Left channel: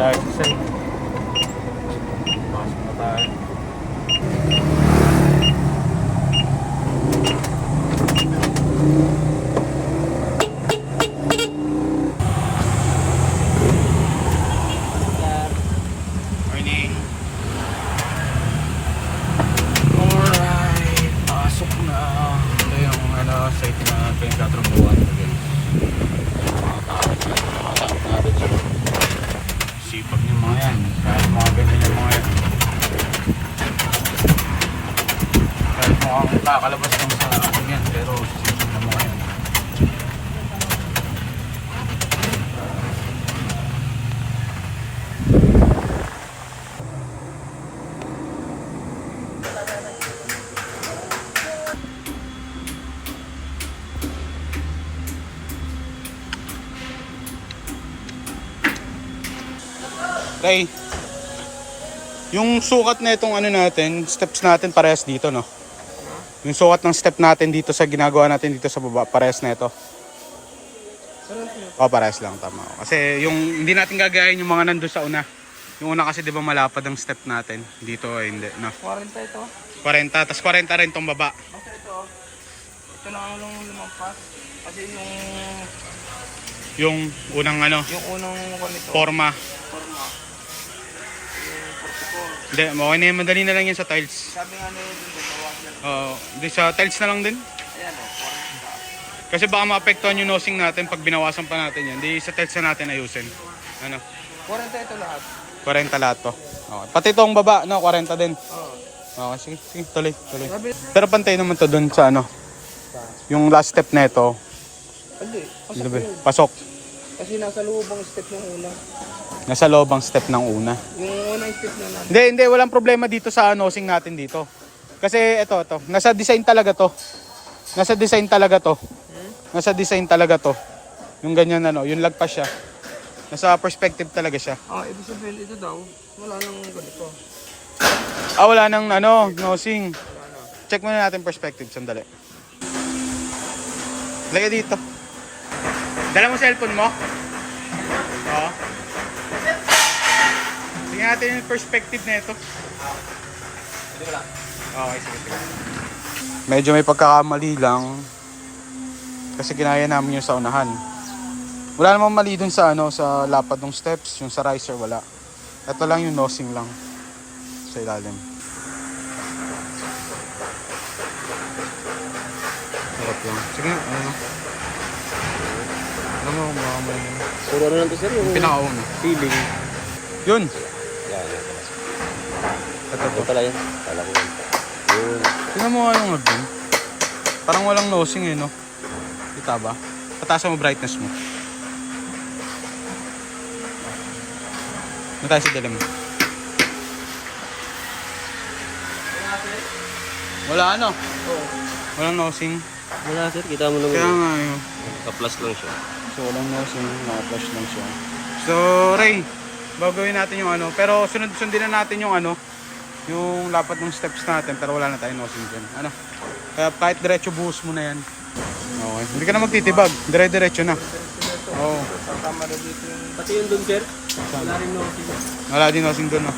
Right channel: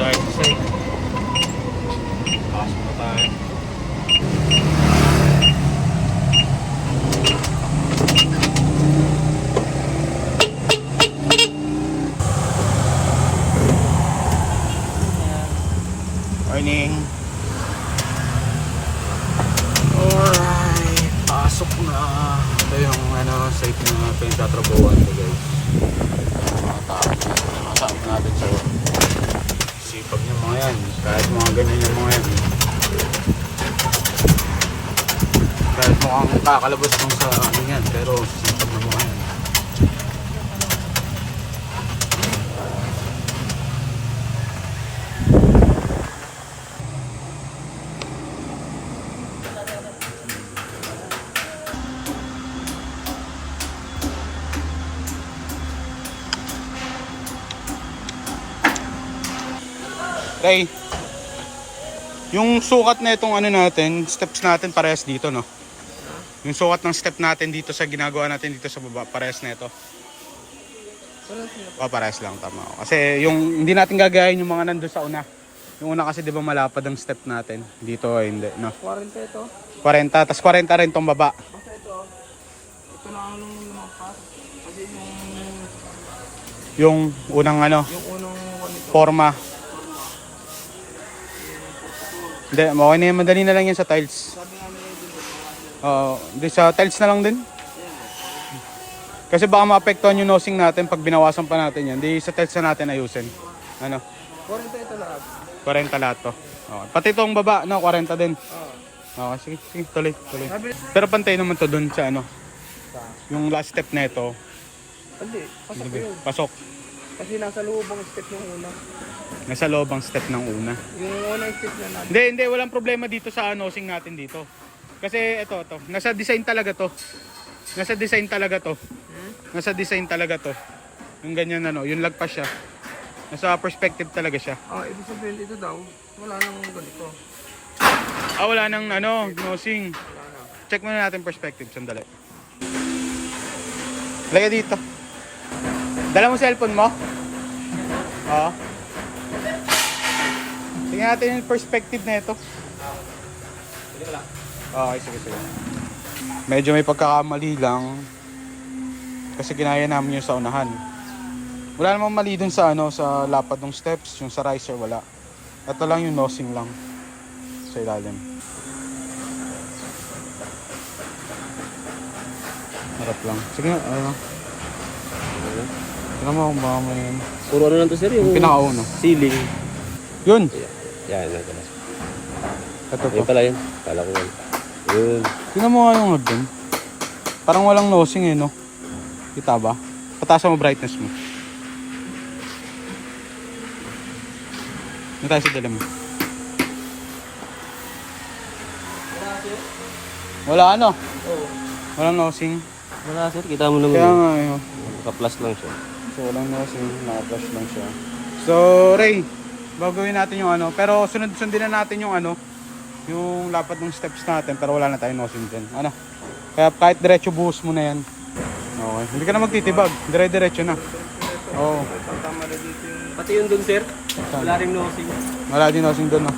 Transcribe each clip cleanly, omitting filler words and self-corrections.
tayo sa site. Pasok na tayo. Morning. Alright, pasok na. Ito yung site na pinagtatrabahuan ko, guys. Mga tao natin siya. Sipag yung mga yan. Kahit mga ganyan yung mga yan. Kahit mukhang kakalabas lang sa yan. Pero sipag na mga yan. Ray, yung sukat na itong natin, steps natin parehas dito, no? Yung sukat ng step natin dito sa ginagawa natin dito sa baba, parehas na ito. O, parehas lang, tama. Kasi yung hindi natin gagayahin yung mga nandun sa una. Yung una kasi di ba malapad ang step natin. Dito hindi, no? 40 ito. 40, tas 40 rin tong baba. Basta ito na ang lumagpas. Kasi Yung unang yung unang forma. Hindi, okay na yan. Madali na lang yan sa tiles. Sabi nga na yun dun sa Oo, di sa tiles na lang din. Ayan o. Kasi baka maapektuhan yung nosing natin pag binawasan pa natin yan. Di sa tiles na natin ayusin. 40 ito lahat. 40 lahat to. Okay. Pati itong baba, 40 din. Oo. Okay, sige, tuloy. Pero pantay naman to dun sa yung last step na ito. Hindi. Pasok. Kasi nasa loob ang step ng una. Nasa loob ang step ng una. Yung unang step na namin. Hindi, walang problema dito sa nosing natin dito. Kasi ito. Nasa design talaga to. Nasa design talaga to. Yung ganyan yung lagpas siya. Nasa perspective talaga siya. Ang ibig sabihin dito daw, wala nang ganito. Wala nang nosing. Check muna natin perspective, sandali. Lagay dito. Dala mo cellphone mo? Oo. Tingnan natin yung perspective na ito. Okay, sige. Medyo may pagkakamali lang. Kasi ginaya namin yung sa unahan. Wala namang mali dun sa sa lapad ng steps. Yung sa riser, wala. Ito lang yung nosing lang. Sa ilalim. Harap lang. Sige nga, Alam mo, baka may Puro lang ito sir yung pinakauna. ceiling. Yun! Yan. Ito to. pala yun. Kala ko yun. Yun. Tingnan mo nga yung dun. Parang walang nosing yun, no? Kita ba? Pataas mo brightness mo. Ano tayo sa dilim? Wala Walang nosing. Wala sir, kita mo lang. Kaya nga yun. Naka-plus lang siya. So walang nosing, naka-flash lang siya. So Ray, gagawin natin yung pero sundin na natin yung yung lapad ng steps natin, pero wala na tayong nosing dun. Kaya kahit diretso buhos mo na yan. Okay, hindi ka na magtitibag, dire-diretso na. Oo. Tama na dito yung... Pati yung dun sir, wala rin nosing. Wala din nosing dun, no?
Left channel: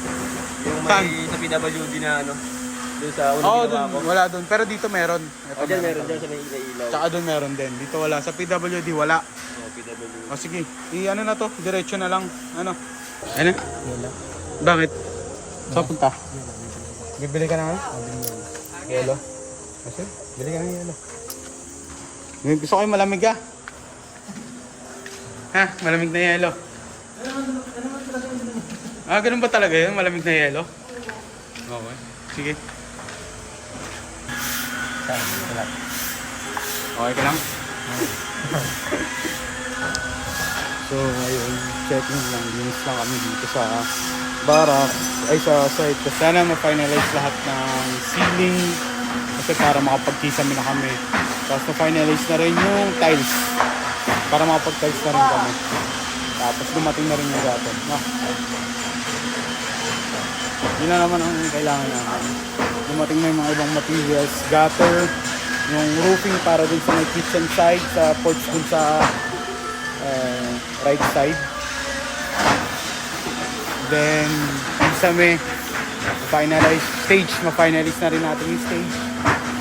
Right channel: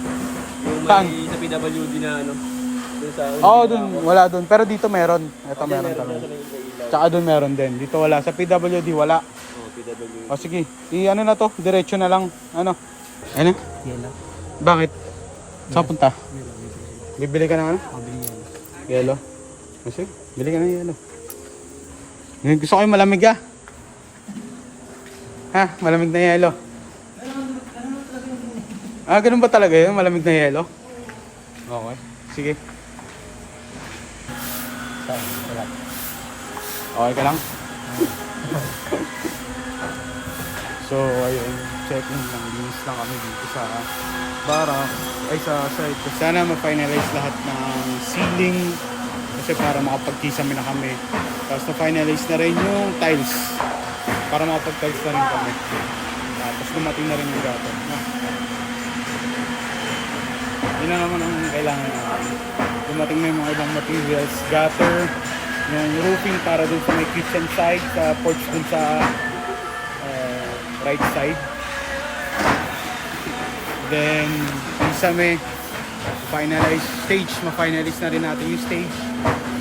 Yung Saan? may sa PWD na dun sa... Dun, wala dun. Pero dito meron. Ito Diyan meron. meron dyan sa may ilaw. Tsaka din meron din. Dito wala. Sa PWD wala. PWD. O sige, na to. Diretso na lang. Ano? Yela. Bakit? Saan punta? Yela, Bibili ka na Yelo. Kasi, bili ka na yelo. Gusto ko yung malamig Ha? Malamig na yelo. Ganun ba talaga yun? Malamig na yelo? Okay. Sige. Okay ka lang? So, ayun. Checking lang. Linis lang kami dito sa barracks. Ay, sa site. So, sana ma-finalize lahat ng ceiling. Kasi para makapag-kisame na kami. Tapos na-finalize na rin yung tiles. Para makapag-tiles na rin kami. Tapos dumating na rin yung gutter. Yun na naman ang kailangan namin. Dumating na yung mga ibang materials. Gutter. Yung roofing para dun sa may kitchen side. Sa porch dun sa right side. Then, kami, ma-finalize na rin natin yung stage.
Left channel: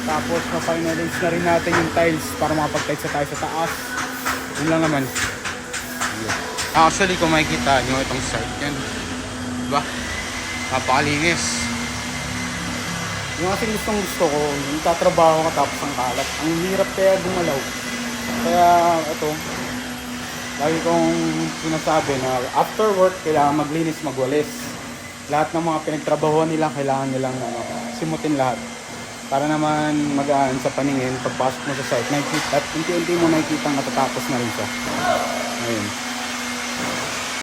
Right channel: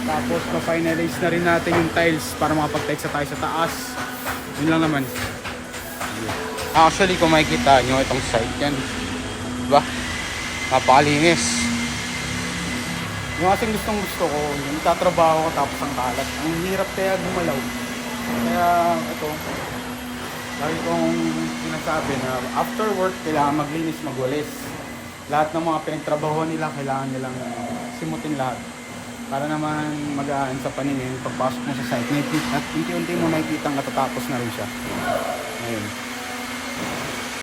Tapos, ma-finalize na rin natin yung tiles para makapag-tiles na tayo sa taas. Yun lang naman. Actually, kung makikita nyo itong site yan, diba? Napakalinis. Yung ating gusto ko, yung tatrabaho ka tapos ang kalat. Ang hirap kaya gumalaw. Kaya, ito, lagi kong sinasabi na after work, kailangan maglinis, magwalis. Lahat ng mga pinagtrabaho nila, kailangan nilang simutin lahat. Para naman magaan sa paningin, pagpasok mo sa site, at unti-unti mo nakikita ang natatapos na rin siya. Ayun.